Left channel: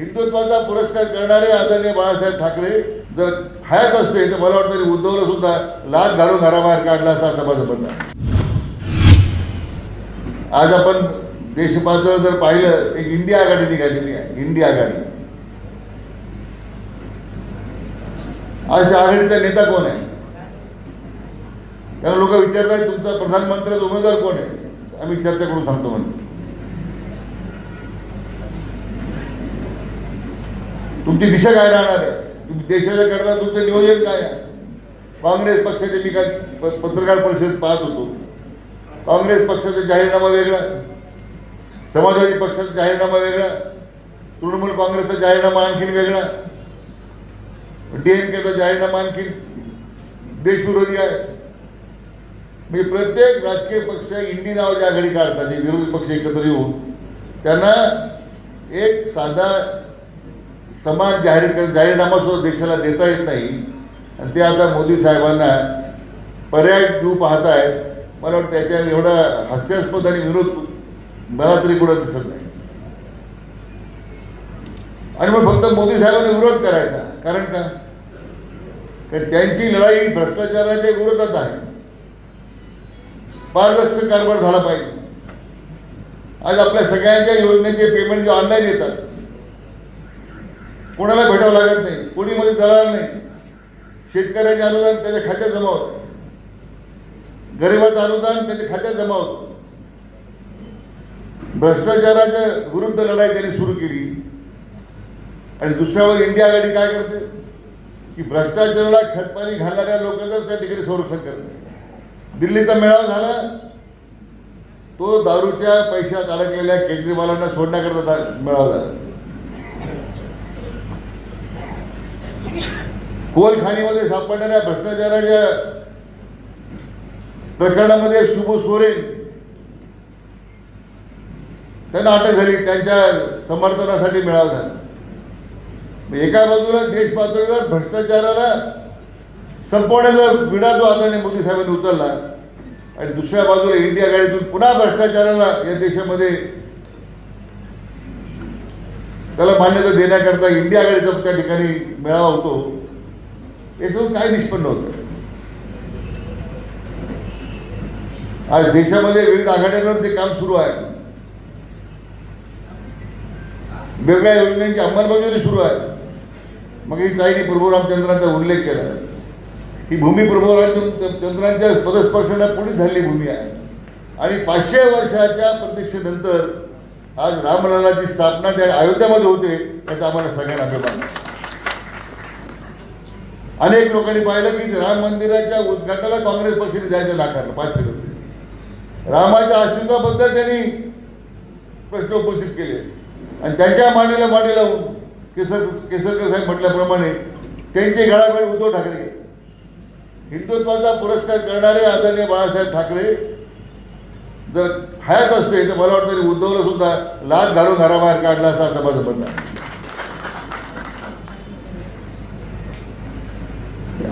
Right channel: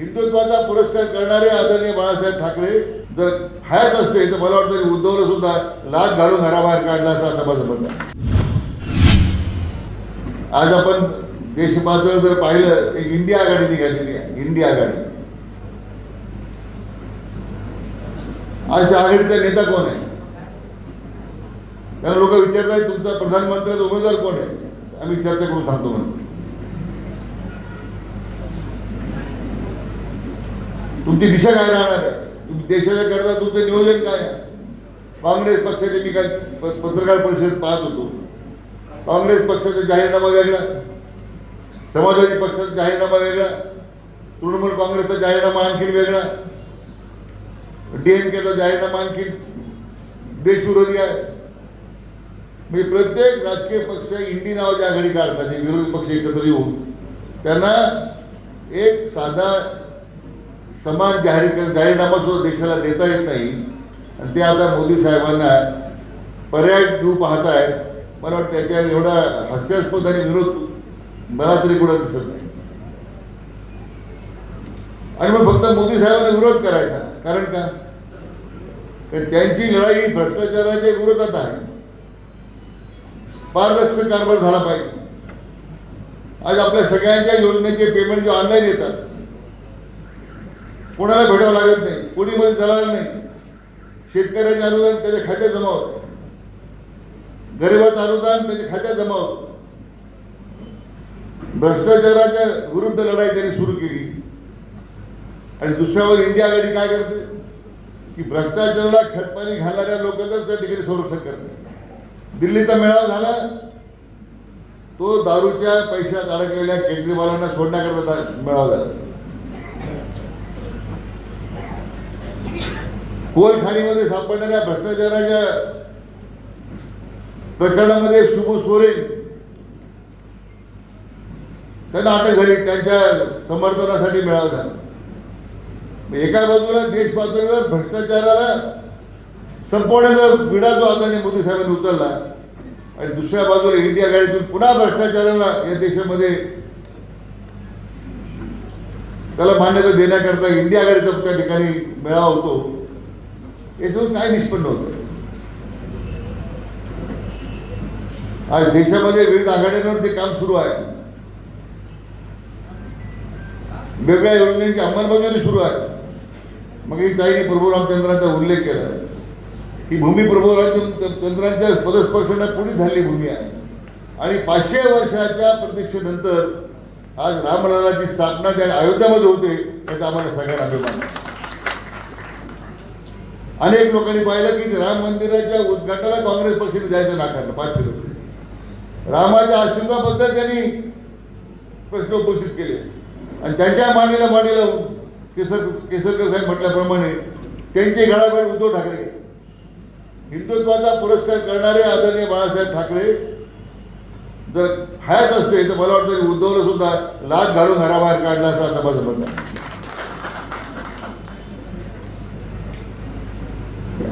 हिंदुत्वाचा पुरस्कार करणारे आदरणीय बाळासाहेब ठाकरे जर हयात असते तर मला वाटतं उद्धवला सुद्धा लाच घालून घराबाहेर काढला असा असं माझं म्हणणं आज आपण देश पातळीवर जर पाहिलं एक इंडिया आघाडी निघाली इंडिया आघाडी. आज त्या आघाडीचा नेता कोण आहे? कारण लोक विचारतात तुमचा प्रधानमंत्र्याचा उमेदवार कोण आहे? आम्ही चर्चा करून सांगतो म्हणतो तुमची दिशा काय राहणार आहे? देशाच्या करता तुमचं नियोजन काय आहे? काँग्रेस पक्षाचे मी काय प- पत्रकार परिषदेत पाहत होतो. काँग्रेस पक्षाचा जाहीरनामा वेगळा समाजवादी पक्षाचा जाहीरनामा वेगळा तृणमूल काँग्रेसचा जाहीरनामा आणखीन वेगळा डीएमकेचा जाहीरनामा आणखीन देशविरोधी आहे. म्हणजे प्रत्येक राजकीय पक्ष इंडी नावाची आघाडी काढतात हे विरोधी पक्ष एकत्र येऊन. त्यांना एक साधा समान जाहीर कर जाहीरनामा सुद्धा देशाला देता येत नाही आणि ते आता मोदी साहेबांना पर्याय देऊ पाहत आहेत मला वाटतं त्याच्या एवढा हास्यास्पद आणि विरोध मला तरी कुठं दिसत नाही. आणि मग फक्त मोदी साहेबांना विरोध करायचा कारण का? कारण त्यांची लढाई भ्रष्टाचाराच्या विरोधात आहे. पारदर्शक कारभार झाला पाहिजे. आज आपल्या सगळ्यांच्या योजनेचे पेमेंट जे ऑनलाईन येतात कोणाला भेटावं लागत नाही? कोणी मध्ये दलाल नाही? शेतकऱ्याचे अनुदान त्याच्या खात्यात जमा होतं गरिबाचं अनुदान त्याच्या खात्यात जमा होतं भ्रष्टाचाराच्या विरुद्ध लढाई त्यांनी सुरू केली. आणि दुसऱ्यावर इंडिया आघाडी काय करते? की भ्रष्टाचाराला खतपाणी घालणाऱ्या लोकांचंच त्या ठिकाणी संरक्षण करते. दिल्लीचा मेळावा झाला. तो दारूच्या पैशात अडकलेल्या केजरीवालांना सोडण्याकरता मेळावा झाला. कोलखाणीमध्ये सापडणाऱ्या भ्रष्टाचाराच्या प्रकरणामध्ये शुभ सोरेन. त्यांना अटक झाली त्यांच्या समर्थनासाठी मेळावा झाला. एका बाजूला देश पातळीवर भ्रष्टाचाराला संपवण्याचा विडा जो आदरणीय मोदी साहेबांनी उचलला आणि दुसऱ्या बाजूला इंडिया गाडीतून पुन्हा भ्रष्टाचाराला या देशामध्ये त्याला मान्यता देण्याकरता इंडिया आघाडीचा त्या ठिकाणी मेळावा होतो. याच्यातून काय निष्पन्न होतं? आज देशामध्ये विविध आघाड्यांवर ते काम सुरू आहे. वेगळ्या योजनांची अंमलबजावणी सुरू आहे. मग ही ताईने प्रभू रामचंद्रांचा उल्लेख केला. ही भूमी प्रभू रामचंद्रांच्या पदस्पर्शाला पुढे झालेली भूमी आहे. आणि पाचशे वर्षाच्या प्रतीक्षेनंतर आज रामललाची स्थापना त्या अयोध्यामध्ये होते याचा आम्हाला सगळ्यांना अभिमान अनेक लोकांनी पाहिलं की राम मंदिराच्या उद्घाटनाला काँग्रेस पक्षाने द्यायचं नाकारलं पाचशे रुपये रामाच्या अस्तित्वाबद्दल त्यांनी प्रश्न उपस्थित केले. आणि त्यांच्या मांडीला मांडी लावून केसर केसरकर साहेब म्हटल्याप्रमाणे त्यांचे घडाघड उद्धव ठाकरे. हिंदुत्वाचा पुरस्कार करणारे आदरणीय बाळासाहेब ठाकरे जर हयात असते तर मला वाटतं उद्धवला सुद्धा लाच घालून घराबाहेर काढला असा असं माझं म्हणणं आहे.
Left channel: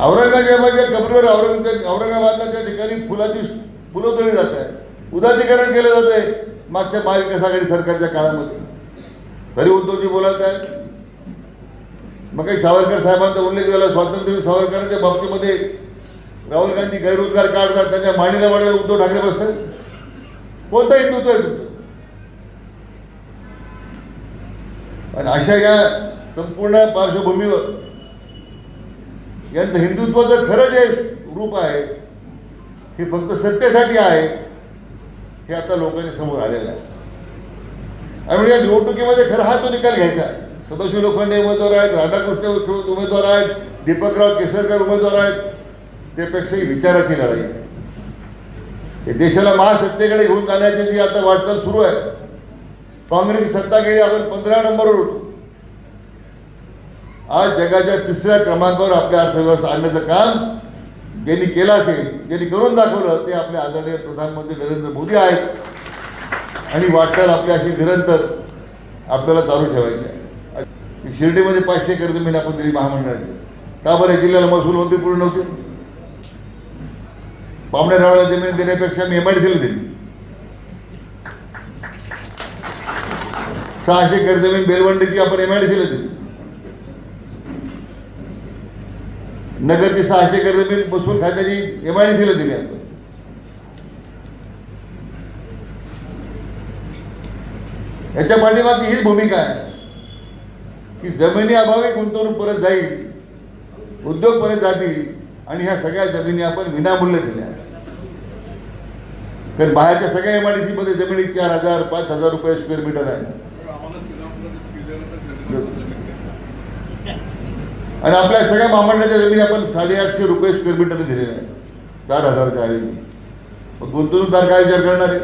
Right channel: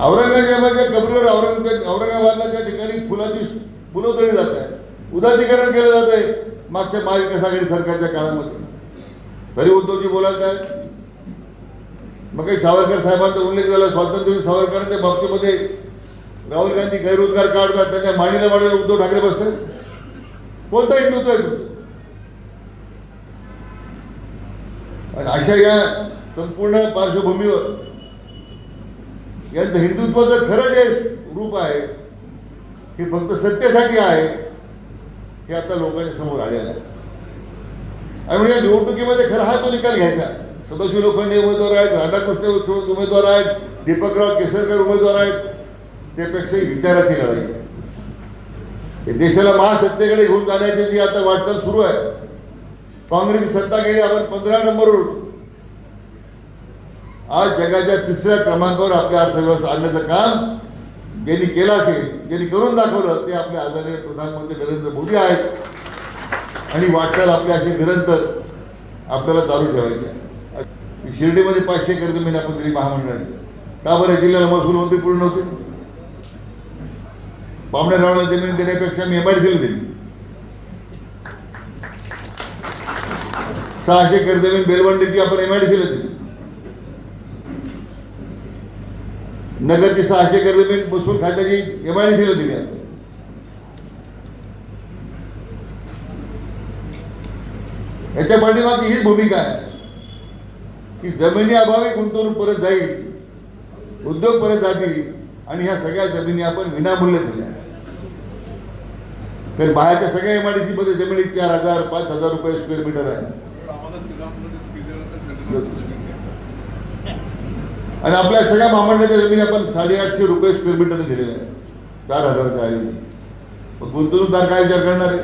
औरंगजेबाच्या कबरीवर औरंगजेब औरंगाबादला त्या ठिकाणी फुलाची फुलं तोडली जात आहे उदाधिकरण केलं जात आहे मागच्या महाविकास आघाडी सरकारच्या काळामध्ये तरी उद्धवजी बोलत आहे मग काही सावरकर साहेबांचा उल्लेख झाला स्वातंत्र्य सावरकरांच्या बाबतीमध्ये राहुल गांधी गैररोजगार काढतात त्याच्या मांडीला मांडीला उद्धव ठाकरे बसतात. कोणता हिंदुत्व आहे तुमचं. आणि अशा या संपूर्ण पार्श्वभूमीवर यांचं हिंदुत्वाचं खरं जे रूप आहे. हे फक्त सत्तेसाठी आहे. हे आता लोकांच्या समोर आलेलं आहे. आणि या निवडणुकीमध्ये खरं हा तो निकाल घ्यायचा. सदाशिव लोखंडे उमेदवार आहेत राधाकृष्ण उमेदवार आहेत दीपकराव केसरकर उमेदवार आहेत. त्यापेक्षाही विचाराची लढाई. देशाला महासत्तेकडे घेऊन जाण्याची जी आता वाटचाल सुरू आहे काँग्रेसची सत्ता गेली आपण पंधरा नंबरवर आज जगाच्या तिसऱ्या क्रमांकावर आपल्या अर्थव्यवस्था आणण्याचं काम ज्यांनी केलं असेल ज्यांनी करून दाखवलं ते आपले आदरणीय प्रधानमंत्री नरेंद्र मोदी आहेत. आणि वाटचाल आपली अशी निरंतर आपल्याला चालू ठेवायची शिर्डीमध्ये पाचशे कर्ज मी दिली महामंडळाची का बरं? जिल्ह्याला महसूल मंत्री पूर्ण नव्हते पाहुणे रावळा जमीन देण्यापेक्षा मी एमआयडीसीला दिली सहाशे एकर जमीन बेलवंडीची आपण एमआयडीसीला दिली. नगरची सहाशे एकर जमीन बसून खात्याची एमआयडीसीला दिली. याच्या पाठीमागची हीच भूमिका आहे. की जमिनी अभावी गुंतवणूक परत जाईल उद्योग परत जातील आणि ह्या सगळ्या जमिनी आपण विनामूल्य दिल्या. कारण बाहेरच्या सगळ्या एमआयडीसी मध्ये जमिनी चार हजार पाच हजार रुपये स्क्वेअर मीटर आहे. आणि आपल्या सगळ्या महामंडळाच्या जमिनी आपण साडेआठशे रुपये स्क्वेअर मीटरने दिलेल्या आहेत. चार हजारच्या आधी मग गुंतवणूकदार काय विचार करणार आहे?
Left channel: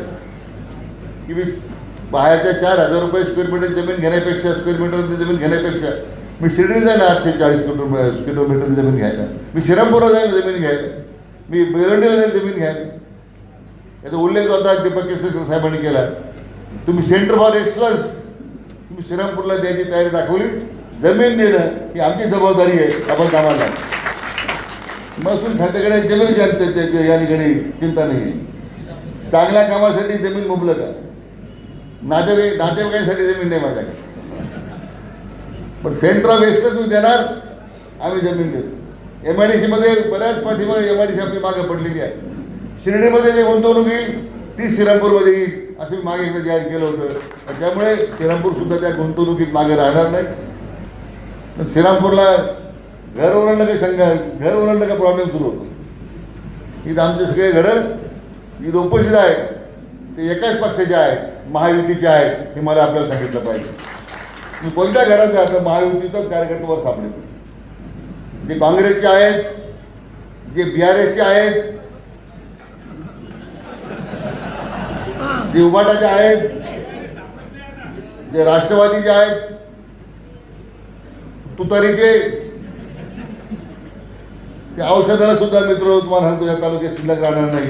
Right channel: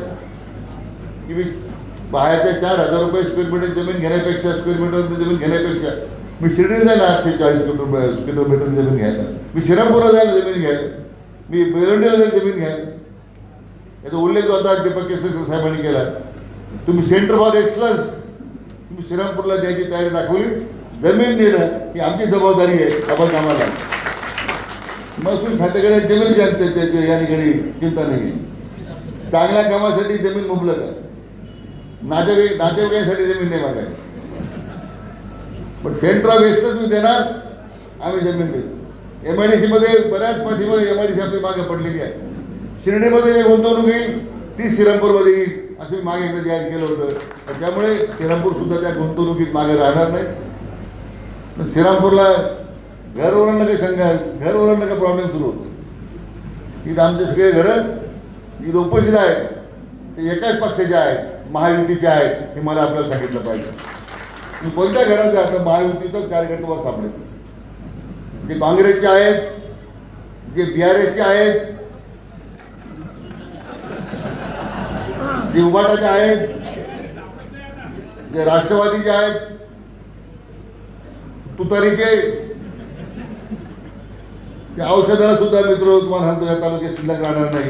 की मी बाहेरच्या चार हजार रुपये स्क्वेअर मीटर जमीन घेण्यापेक्षा स्क्वेअर मीटर जमीन घेण्यापेक्षा मी शिर्डीला जाईल आठशे चाळीस किलोमीटर किलोमीटर जमीन घ्यायला. मी श्रीरामपूरला जाईल जमीन घ्यायला. मी बेरंडीला जाईल जमीन घ्यायला. याचा उल्लेख आता दीपक केसरकर साहेबांनी केला. तुम्ही सेंटर फॉर एक्सलन्स तुम्ही श्रीरामपूरला द्यायची तयारी दाखवली. जमीन देणं ही आमची जबाबदारी आहे आपण कामाला महसूल खात्याकडे जमीन जनते या ठिकाणी चिंता नाही. चांगल्या कामासाठी जमीन मुबलक आहे. नातेवाईक नातेवाईकांसाठी जमीन नाही मागायची. पण सेंटर ऑफ एक्सलन्स तुम्ही देणार आम्ही जमीन देऊ. एम आय डी सीमध्ये बऱ्याच पाठीमागे एम आय डी सी आपली मागे पडलेली आहे. शिर्डीमध्ये जे गुंतवणूक येईल ती श्रीरामपूरमध्ये येईल असं मी मागे एकदा जाहीर केलं होतं. त्यामुळे श्रीरामपूर सुद्धा त्या गुंतवणुकीत मागे राहणार नाही. पण श्रीरामपूरला घर ओरडणं काही शंका घर ओरडणं काही प्रॉब्लेम सुरू होतो इथं आमचे सगळे घरं इथं उपस्थित आहेत. ते एकाच पक्षाचे आहेत. महायुतीचे आहेत. हे मला आपल्याला सांगितलं पाहिजे. मी कोणत्या घरात जातो महायुतीचाच कार्यकर्त्यावर वर जे काँग्रेसचे आहेत जे बी आर एसचे आहेत जे उभाटाचे आहेत जे राष्ट्रवादीचे आहेत तुतारीचे ते औषधाला सुद्धा मित्र तुम्हाला सांगतो या तालुक्यात शिल्लक राहणार नाही.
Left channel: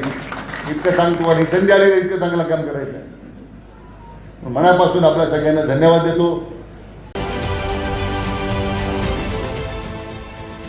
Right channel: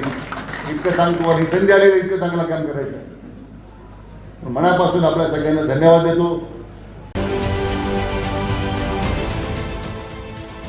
इतकं सांगतो तुम्हाला संधी आलेली इतकं चांगलं काम करायचं मनापासून आपल्या सगळ्यांना धन्यवाद देतो.